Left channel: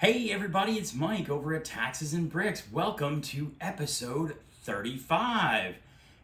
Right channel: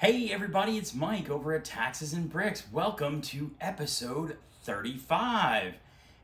Hey everybody, it's Mike over at Taxes and Bricks. Welcome to episode 35.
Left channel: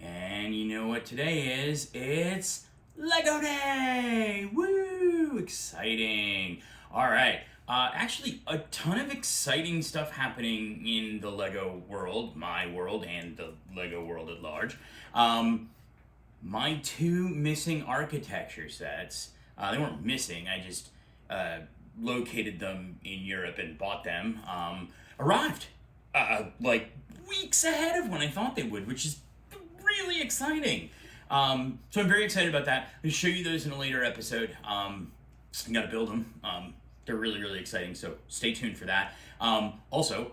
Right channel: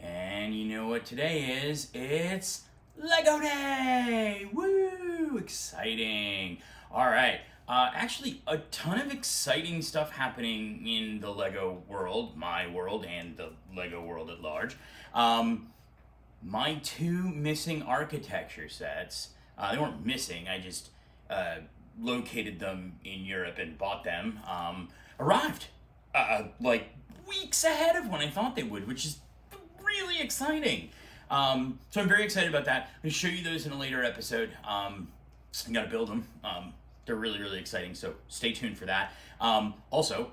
And you know what today is? It's Lego Day! Woo! Exciting. All right. Actually, a ton of exciting stuff happening in the Lego world, my world, and the Lego world at large. My two missing architecture sets, they weren't missing, I just located them in Europe and bought them, arrived like weeks ahead of when I thought they would, which is really exciting. So I'm very excited about that. I'm going to show you those in a later episode. I got to build them. They're really, really exciting, so stay tuned for that. Also,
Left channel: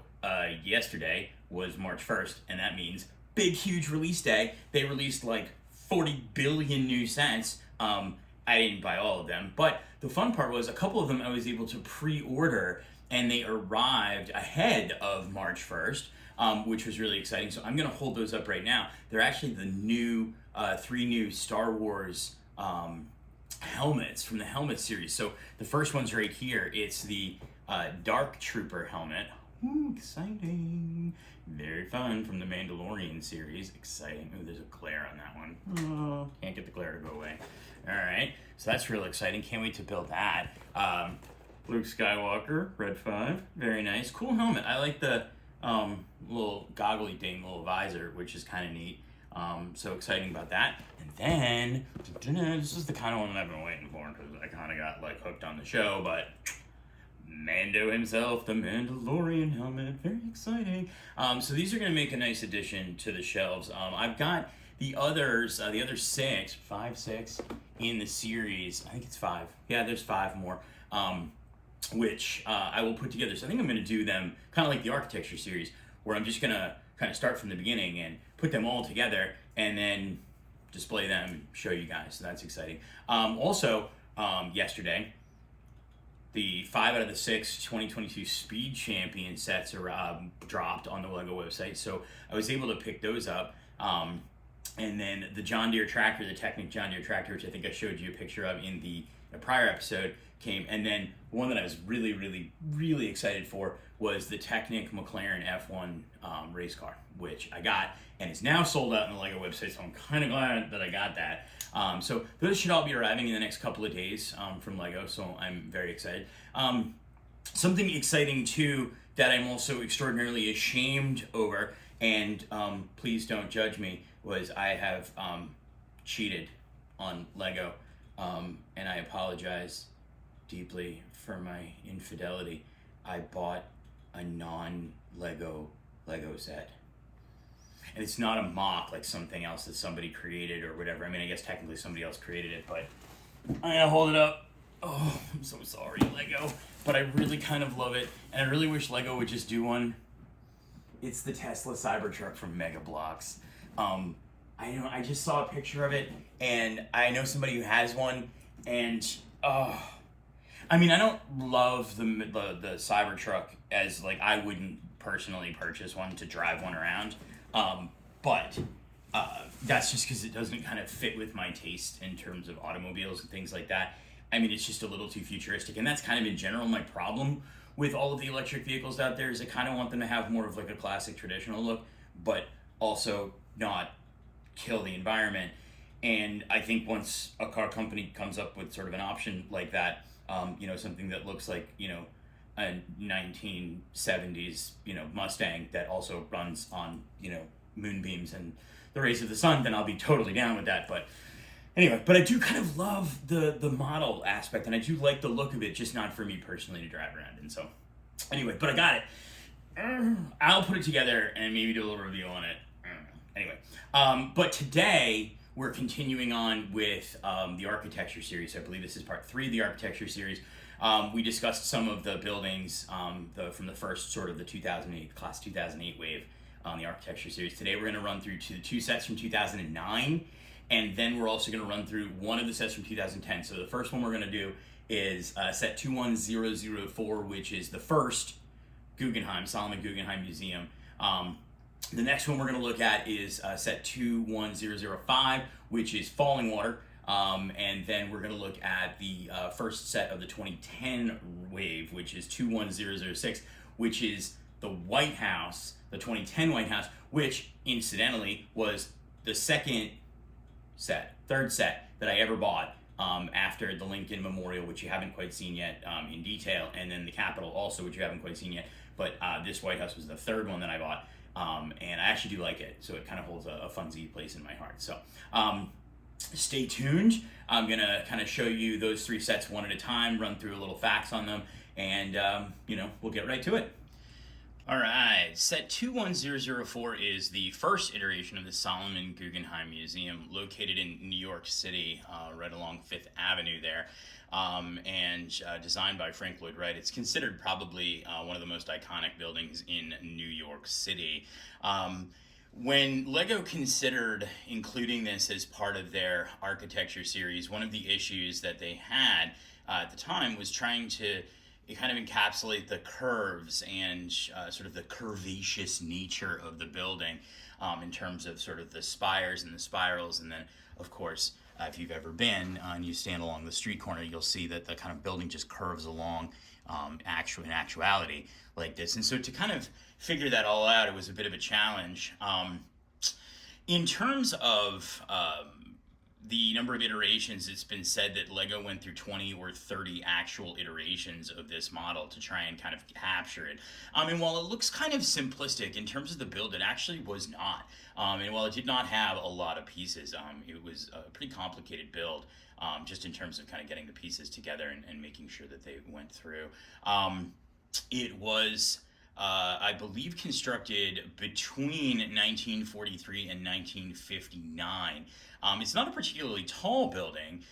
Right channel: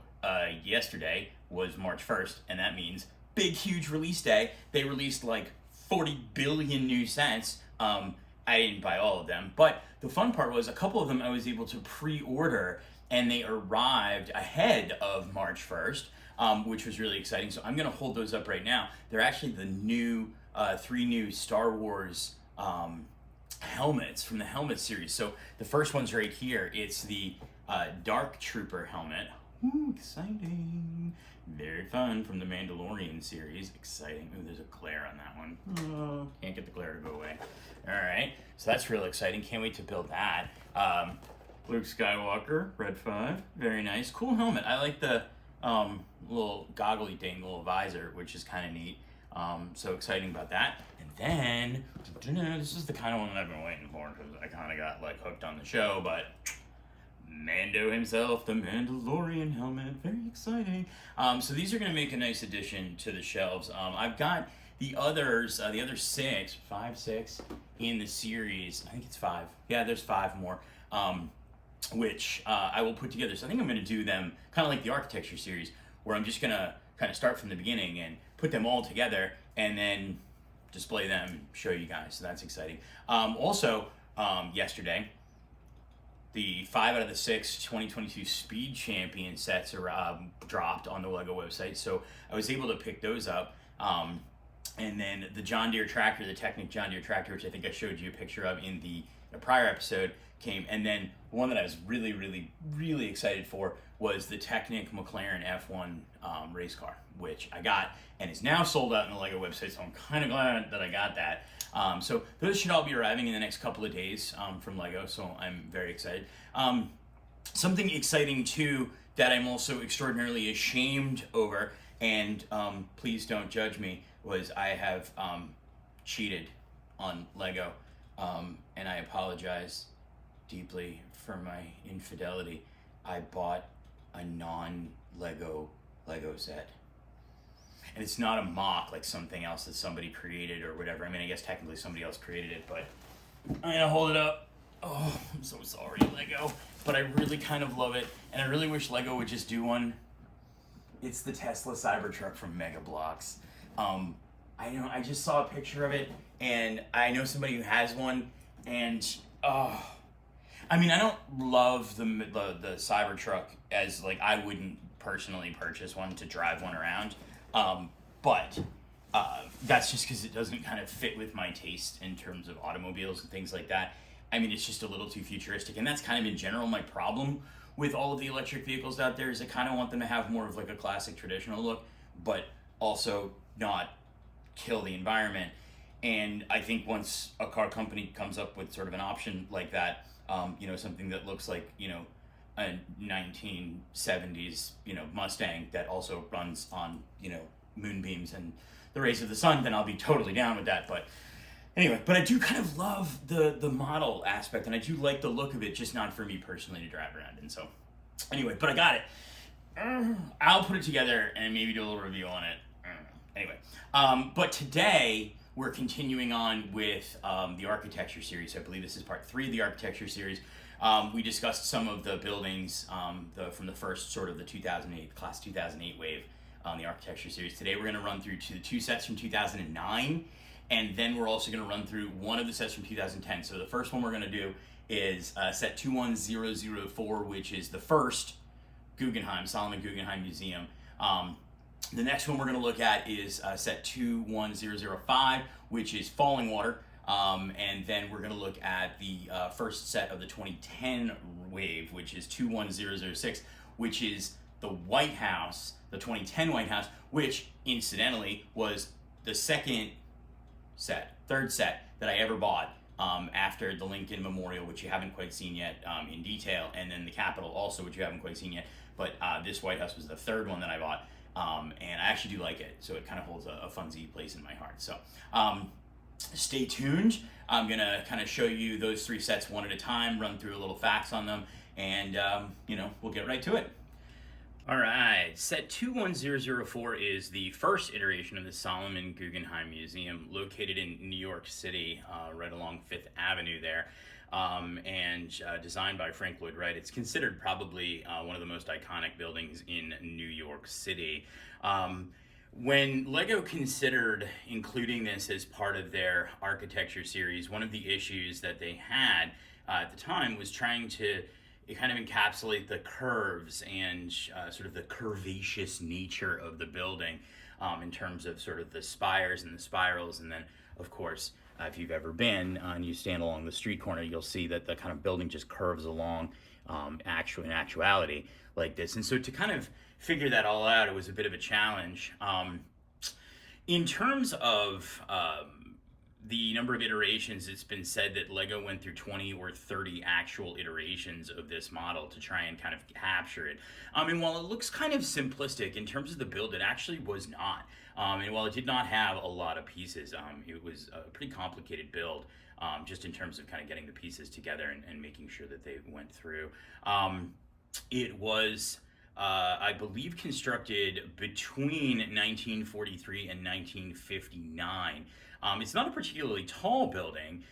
yesterday was March 1st, and that means big, huge release day. They released like 40 billion new sets. I didn't buy all of them, but the fun part was a couple of them I was able to pre-order, and they arrived ahead of March 1st, which was really exciting. So I'm going to hold those up right now. They're actually the new, 3 new Star Wars helmets from the helmet series. So the first one's right here. It's the Dark Trooper helmet. Ooh, exciting. Very fun, from the Mandalorian series. Exciting. Ooh, there's a glare on that one. Oh, can't get the glare to go away. All right, so that's real exciting. Can't wait to build that. Luke Skywalker, Red 5. Very nice. Cool helmet. I like the little goggly thing, little visor, which is kind of neat. So exciting about that. And then, this is the kind of one that I've been waiting for, because I kind of got like hooked on the show, but Mando himself, the Mandalorian helmet, very exciting. So these are going to make a nice addition to the shelves. I've got the others, the other 6 in the series. I think it's 5. Yeah, there's 5 more, which I will put together. So I think I'm going to do them kind of like the architecture series, where I'm just going to kind of start from the beginning and put them all together and then display them and show you guys. So that's exciting. Also, yesterday, the 5 out of the 6 2022 Speed Champion sets are dropped on the Lego website, so I was able to pick those up. And then the John Deere tractor, the Technic John Deere tractor, which I think I showed you a picture of in the prior episode, came. And then the one that I was really, really, really excited for was the Technic McLaren F1 race car, which I got and is now sold out on the Lego website, so I'm kind of glad that I got that. So those should all be arriving in the next couple of days from Lego, so I'm very excited. Something exciting too that I'm also extraordinarily ashamed over, and please don't judge me, was I have cheated on Lego, and I apologize deeply for my infidelity. I bought a non-Lego set. And it's not a mock like something else that somebody created or whatever. I mean, I guess technically somebody else created it, but I'm gonna hold it up. Oh, I'm so sorry, Lego. But I really kind of love it, and I really wish Lego would just do one. It's the Tesla Cybertruck from Mega Bloks. I just saw a picture of it, and I know somebody who has one, and I mean, I don't love the Cybertruck, as like I wouldn't personally purchase one to drive one around. But that's just because it doesn't kind of fit with my taste in terms of automobiles and things like that. I mean, it's just a little too futuristic, and that's kind of in general my problem with all of the electric vehicles out there, is I kind of want them to have more of like a classic traditional look, but also not kill the environment. And I think once a car company comes up with sort of an option like that, something that looks like, a 1970s, Mustang that also runs on, moonbeams and the rays of the sun, then I'll be totally down with that. But anyway, but I do kind of love the model aspect, and I do like the look of it, just not for me personally to drive around in. So anyway, but I got it. I'll put it together and maybe do a little review on it. Anyway, but today we're continuing on with the architecture series. I believe this is part 3 of the architecture series. We discussed some of the buildings from the first sort of the 2008, class 2008 wave on the architecture series. Today we're going to run through 2 sets from 2009, and then we're also going to run through one of the sets from 2010. So the first one we're going to do is set 21004, which is the first Solomon Guggenheim Museum. The next one we're going to look at is set 21005, which is Falling Water. And then we're going to look at the first set of the 2010 wave, which is 21006, which is the White House, the 2010 White House, which incidentally was the third set that I ever bought after the Lincoln Memorial, which you haven't quite seen yet in detail, and then the Capitol also, which you haven't quite seen yet. But this White House was the third one that I bought, and I actually do like it, so it kind of holds a funsy place in my heart. So stay tuned. I'm going to kind of show you those three sets one at a time, run through a little facts on them, and we'll get right to it. All right, set 21004 is the first iteration of the Solomon Guggenheim Museum, located in New York City, right along Fifth Avenue there, and designed by Frank Lloyd Wright. It's considered probably one of the most iconic buildings in New York City. When LEGO considered including this as part of their architecture series, one of the issues that they had at the time was trying to kind of encapsulate the curves and sort of the curvaceous nature of the building in terms of sort of the spires and the spirals. And then, of course, if you've ever been and you stand along the street corner, you'll see that the kind of building just curves along in actuality like this. And so to kind of figure that all out, it was a bit of a challenge. In terms of the number of iterations, it's been said that LEGO went through 20 or 30 actual iterations of this model to try and kind of capture it. And while it looks kind of simplistic in terms of the build, it actually was not. And while it did not have a lot of pieces, it was a pretty complicated build, just in terms of kind of getting the pieces together and making sure that they went through. It was, I believe, constructed between 1943 and 1959. It's not a particularly tall building,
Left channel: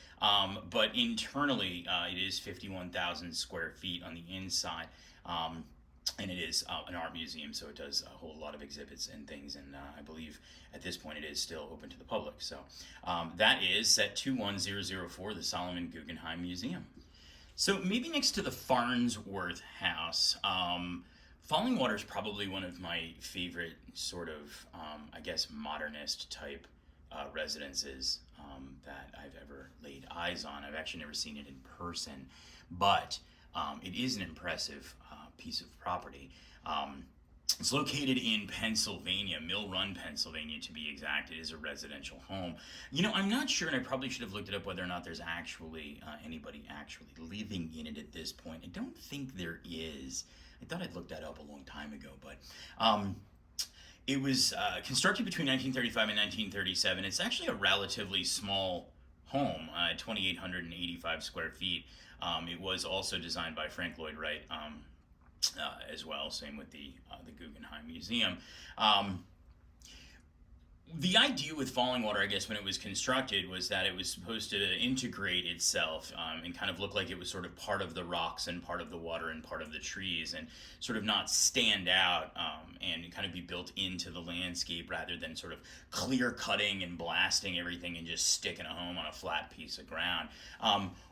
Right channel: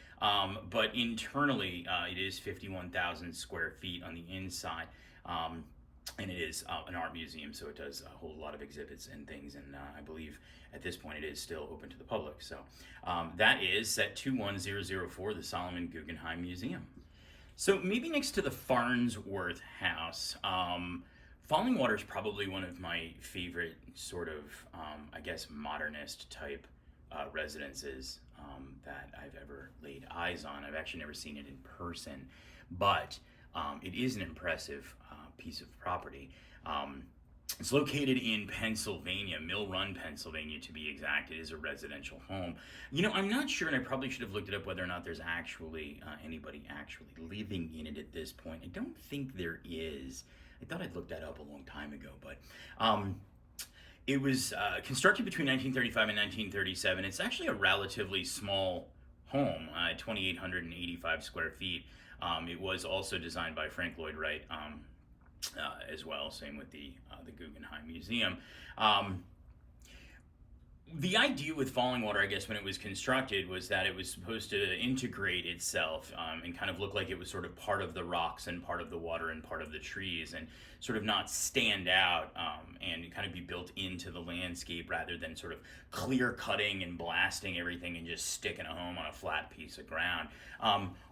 but internally it is 51,000 square feet on the inside. And it is an art museum, so it does hold a lot of exhibits and things, and I believe at this point it is still open to the public. So that is set 21004, the Solomon Guggenheim Museum. So maybe next to the Farnsworth House, Fallingwater is probably one of my favorite sort of, modernist type residences that I've ever laid eyes on. I've actually never seen it in person, but it is an impressive piece of property. It's located in Pennsylvania, Mill Run, Pennsylvania, to be exact. It is a residential home. I'm not sure, and I probably should have looked it up, whether or not there's actually anybody actually living in it at this point. I don't think there is. I thought I'd looked that up a long time ago, but it was constructed between 1935 and 1937. It's actually a relatively small home, 2,885 square feet. It was also designed by Frank Lloyd Wright as well, same with the Guggenheim Museum. The idea with Fallingwater, I guess, when it was constructed was that it was supposed to integrate itself and kind of look like it was sort of part of the rocks and part of the water and part of the trees, and sort of not stand out and kind of be built into the landscape, rather than sort of clear cutting and blasting everything and just sticking a home on a flat piece of ground.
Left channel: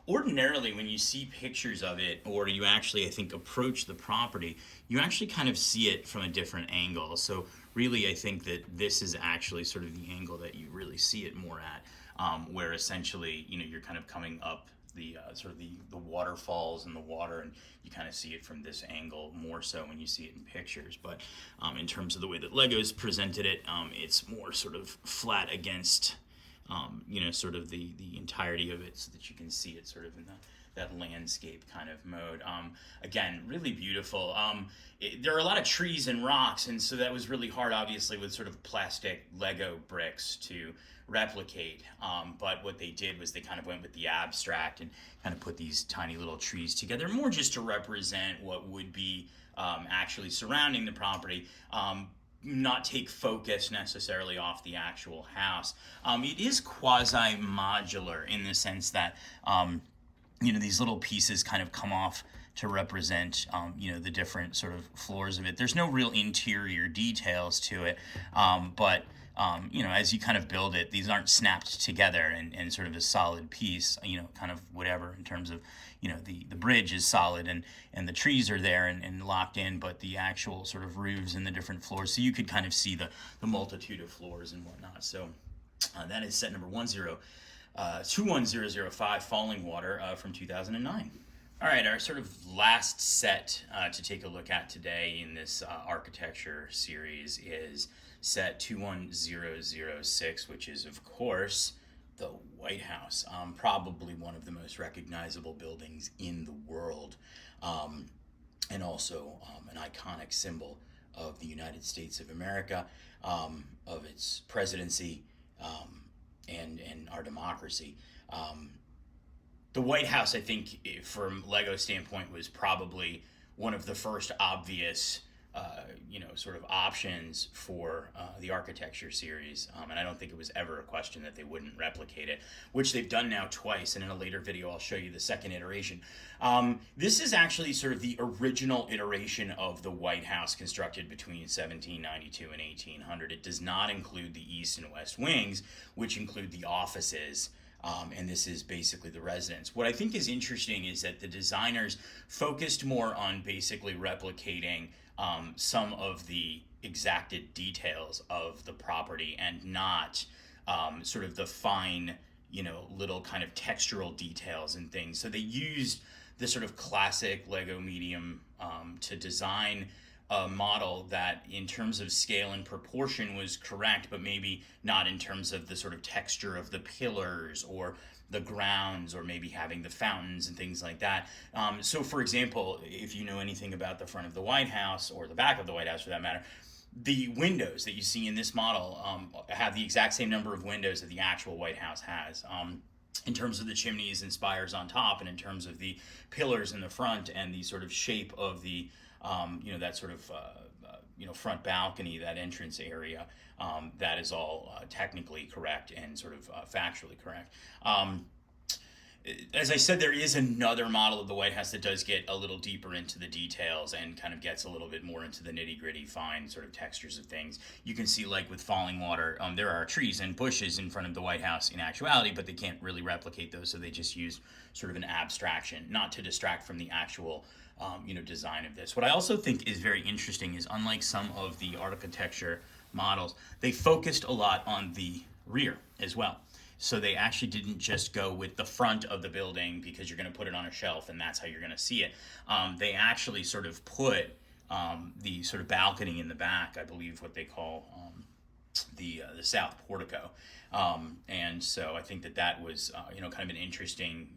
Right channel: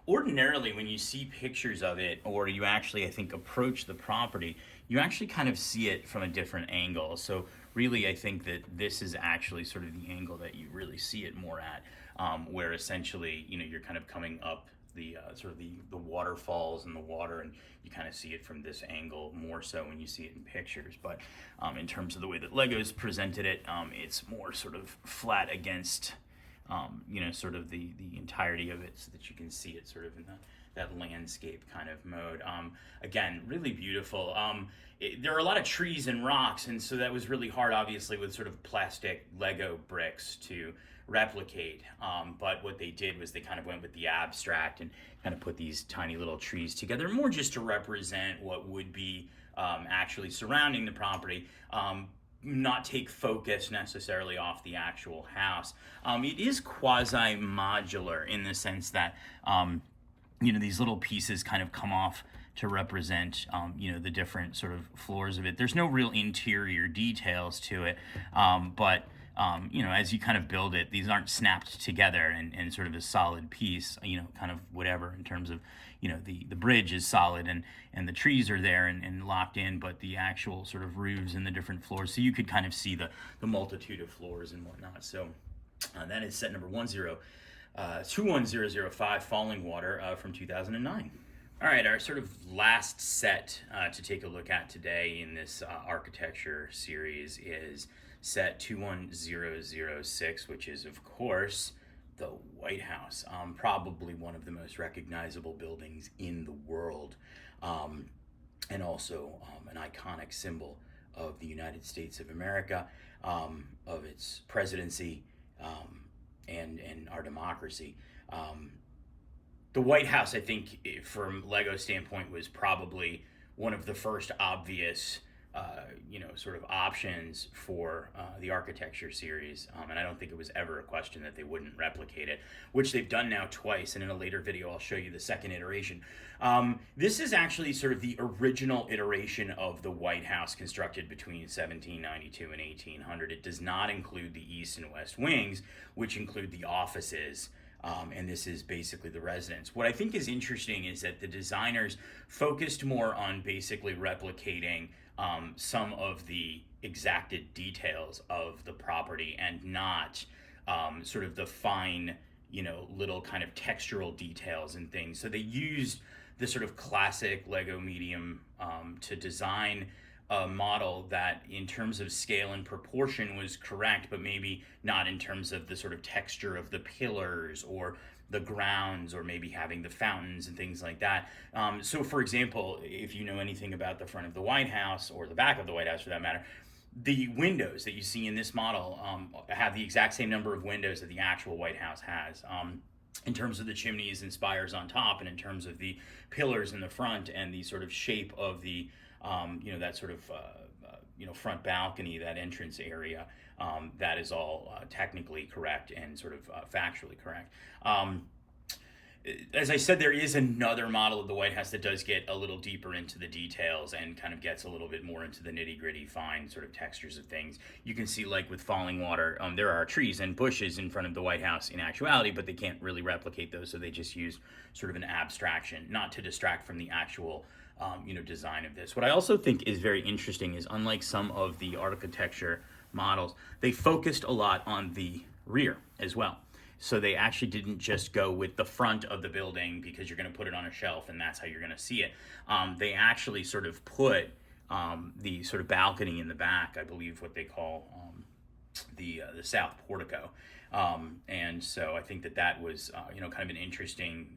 Ordinarily, when you see pictures of it, or you actually, I think, approach the property, you actually kind of see it from a different angle. So really, I think that this is actually sort of the angle that you really see it more at, where essentially, you're kind of coming up the sort of the waterfalls and the water, and you kind of see it from this angle more so when you see it in pictures. But in terms of the way that LEGO's presented it, it's more sort of flat against, sort of the entirety of it, so that you can see it sort of in that landscape kind of mode. Again, really beautiful. There are a lot of trees and rocks, and so that was really hard, obviously, with sort of plastic Lego bricks to replicate. But what they did was they kind of went with the abstract and kind of put these tiny little trees together, more just to represent what would be actually surrounding the property. Not take focus necessarily off the actual house. It is quasi-modular in the sense that these little pieces kind of come off to represent, the different sort of floors of it. There's no real interior details to it, but as you kind of build it, these aren't snapped together and sort of a solid piece, kind of whatever in terms of, the bridge is solid and the trees are there and locked in, but the actual sort of roofs and the different floors, so you could kind of see the multitude of floors and whatnot. So that is set number 21005 Falling Water from 2009. All right, our sort of last set to take a look at today in this architecture series is set 21006, which is, of course, the White House. Probably one of the most recognizable buildings in the world, and also an iconic symbol of the United States of America, of its presidency, and our democracy. The White House, I think, from Lego standpoint, was probably one of the first obvious, sort of options for the architecture series. And I don't think it was ever a question that they wouldn't replicate it, which they've done now twice. And in a later video, I'll show you the second iteration. This is actually sort of the original iteration of the White House constructed between 1792 and 1800. It does not include the east and west wings, which include the offices. And this is basically the residence. What I think is interesting is that the designers focused more on basically replicating some of the exacted details of the property and not sort of the fine, little kind of textural details and things. So they used the sort of classic Lego medium to design a model that in terms of scale and proportion was correct, but maybe not in terms of the sort of texture of the pillars or the grounds, or maybe having the fountains and things like that. So for example, if you know anything about the front of the White House, or the back of the White House for that matter, the windows that you see in this model have the exact same number of windows that the actual White House has. In terms of the chimneys and spires on top, and in terms of the pillars in the front, and the sort of shape of the that sort of front balcony, that entrance area, that is all technically correct and sort of factually correct. As I said, there is another model of the White House that does get a little deeper into the details and kind of gets a little bit more into the nitty-gritty, fine sort of textures of things. You can see, like with Falling Water, there are trees and bushes in front of the White House in actuality, but they can't really replicate those, so they just use sort of an abstraction, not to distract from the actual design of this. What I also think is very interesting is, unlike some of the architecture models, they focused a lot on the rear as well. So they actually didn't just go with the front of the building because you're going to put it on a shelf and that's how you're going to see it. They actually sort of put the sort of balcony in the back, I believe what they call the south portico. And so I think that was kind of an interesting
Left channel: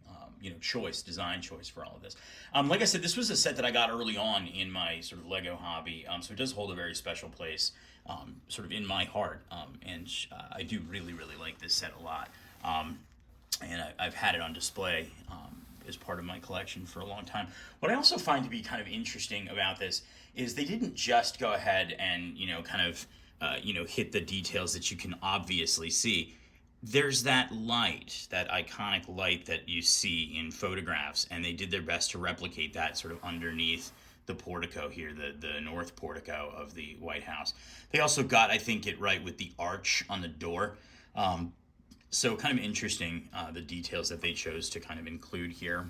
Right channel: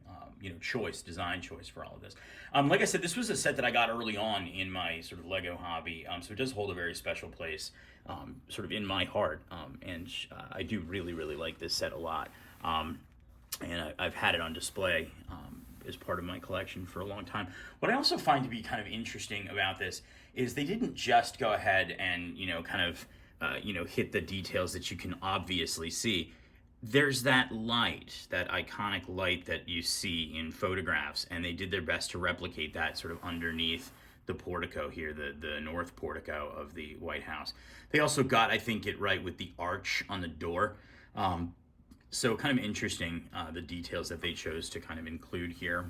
design choice for all of this. Like I said, this was a set that I got early on in my sort of Lego hobby, so it does hold a very special place sort of in my heart, and I do really, really like this set a lot, and I've had it on display as part of my collection for a long time. What I also find to be kind of interesting about this is they didn't just go ahead and hit the details that you can obviously see. There's that light, that iconic light that you see in photographs, and they did their best to replicate that sort of underneath the portico here, the north portico of the White House. They also got, I think, it right with the arch on the door. So kind of interesting, the details that they chose to kind of include here,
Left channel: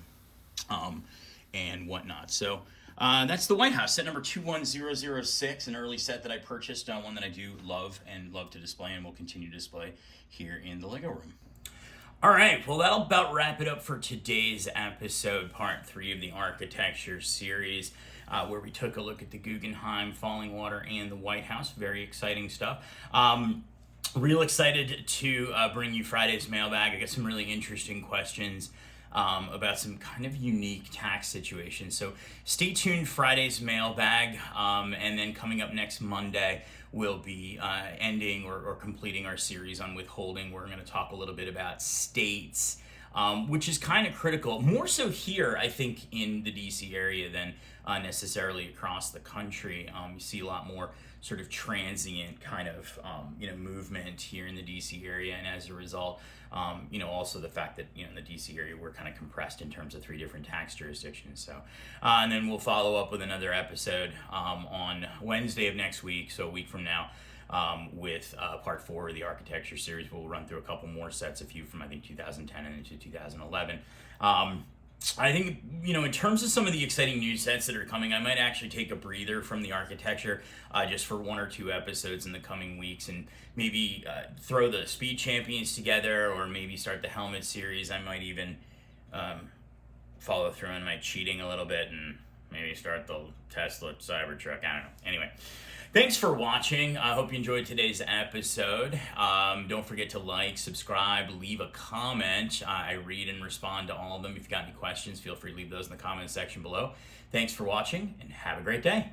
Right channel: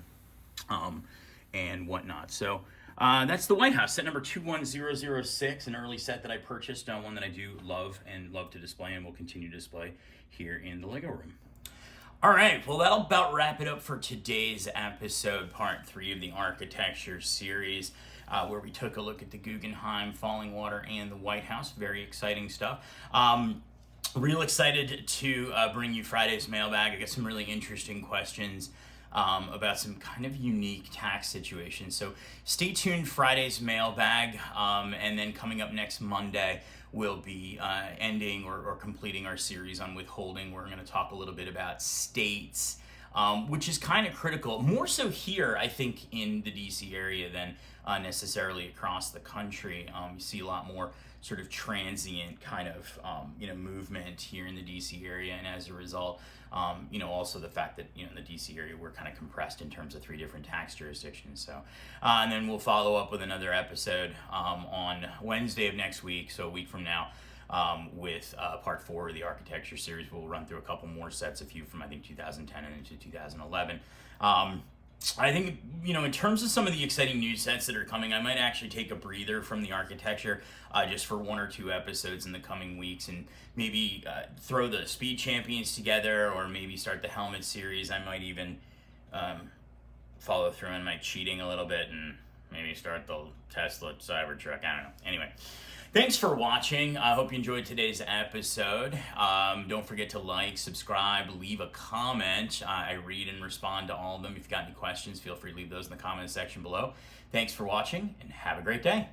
and whatnot. So that's the White House, set number 21006, an early set that I purchased, one that I do love and love to display and will continue to display here in the Lego room. All right, well, that'll about wrap it up for today's episode, part 3 of the architecture series, where we took a look at the Guggenheim, Falling Water, and the White House. Very exciting stuff. Real excited to bring you Friday's mailbag. I got some really interesting questions about some kind of unique tax situations. So stay tuned, Friday's mailbag, and then coming up next Monday, we'll be ending or completing our series on withholding. We're going to talk a little bit about states, which is kind of critical, more so here, I think, in the DC area than necessarily across the country. You see a lot more sort of transient kind of movement here in the DC area, and as a result, also the fact that in the DC area we're kind of compressed in terms of 3 different tax jurisdictions. So and then we'll follow up with another episode on Wednesday of next week, so a week from now, with part 4 of the architecture series. We'll run through a couple more sets, a few from I think 2010 and into 2011. I think, in terms of some of the exciting new sets that are coming, I might actually take a breather from the architecture just for 1 or 2 episodes in the coming weeks, and maybe throw the Speed Champions together, or maybe start the Helmet series. I might even follow through on my cheating a little bit and maybe start the Tesla Cybertruck. I don't know. Anyway, thanks for watching. I hope you enjoyed today's episode. Don't forget to like, subscribe, leave a comment. I read and respond to all of them. If you've got any questions, feel free to leave those in the comment section below. Thanks for watching, and have a great day.